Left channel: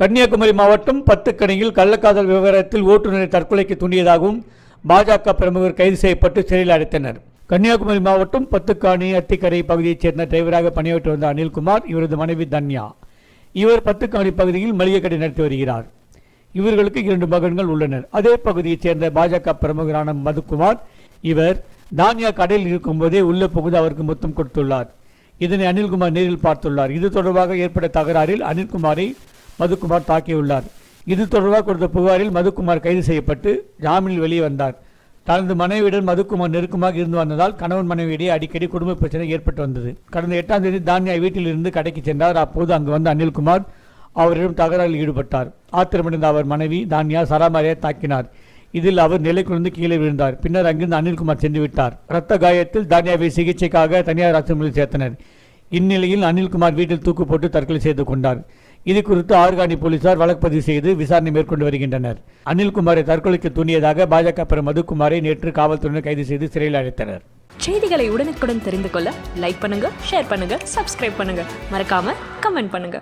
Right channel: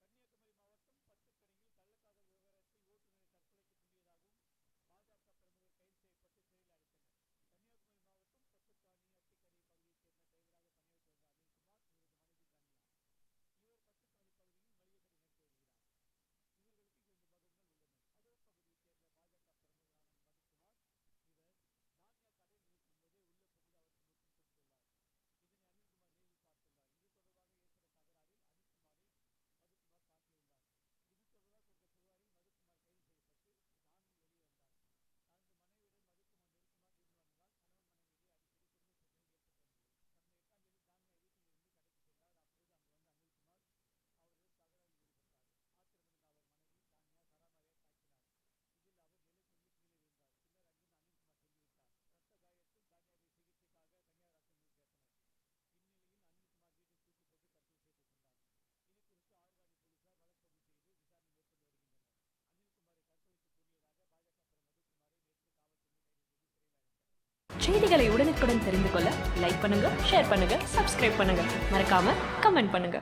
கன்னியாகுமரி மாவட்டம் பத்துக்கணியில் கள்ளக்காதல் விவகாரத்தில் ஓட்டுநரை தற்கொலைக்கு தூண்டியதாகவும் பாஜக பிரமுகர் கைது செய்யப்பட்டு சிறையில் அடைத்தனர். கன்னியாகுமரி மாவட்டம் பத்துக்காணி அத்திக்கரை பகுதியைச் சேர்ந்த டிரைவராக பணியாற்றி வந்த அனில்குமார் இவரது மனைவி தன்யா. இவர் பத்துக்காணி பகுதியில் மளிகை கடை நடத்தி வருகிறார். இவர்களுக்கு இரண்டு மகன்கள் உள்ளனர். அதே பகுதியைச் சேர்ந்த பாஜக பிரமுகரான மதுக்குமார் இவர் தானியா கடையில் இருக்கும்போதே உள்ளே புகுந்து அவருக்கு முத்தம் கொடுத்துள்ளார். இதனை அனில்குமார் நேரில் பார்த்துள்ளார். இது தொடர்பாக ஏற்பட்ட தகராறில் அனில்குமாரை மதுக்குமார் தாக்கியுள்ளார். இது தொடர்பாக கொடுத்த புகாரில் மதுக்குமார் கைது செய்யப்பட்டு ஜாமீனில் வெளியே வந்தார். தனது மனைவியுடன் மதுக்குமார் நெருக்கமாக இருந்து வந்ததால் கணவன் மனைவியிடையே அடிக்கடி குடும்ப பிரச்சனை ஏற்பட்டு வந்தது. கடந்த எட்டாம் தேதி தானியா வீட்டில் இருந்து கடைக்கு சென்றார். அப்போது அங்கு வந்த அனில்குமார் அவரிடம் தகராறில் ஈடுபட்டார். ஆத்திரமடைந்த அவர் மனைவி தானியா சராமாரியை தாக்கினார். இதில் அவர் நிலை குறைந்து கீழே விழுந்தார். பின்னர் அங்கிருந்து அனில்குமார் சென்று விட்டார். இரத்த காயத்தில் தானியாவை சிகிச்சைக்காக தனியார் ஆஸ்பத்திரியில் சேர்த்தனர். இந்நிலையில் அனில்குமார் வீட்டில் தூக்கு போட்டு தற்கொலை செய்து கொண்டார். இது குறித்து ஆர்கானி போலீசார் வழக்கு பதிவு செய்து விசாரணை மேற்கொண்டு வருகின்றனர். அனில்குமாரை தற்கொலைக்கு தூண்டியதாக பாஜக பிற மதுக்குமாரை நேற்று காவல்துறையினர் கைது செய்து சிறையில் அடைத்தனர். செய்திகளை உடனுக்குடன் தெரிந்து கொள்ள லைக் பண்ணுங்க ஷேர் பண்ணுங்க சப்ஸ்கிரைப் பண்ணுங்க. மறக்காம கமெண்ட் பண்ணுங்க.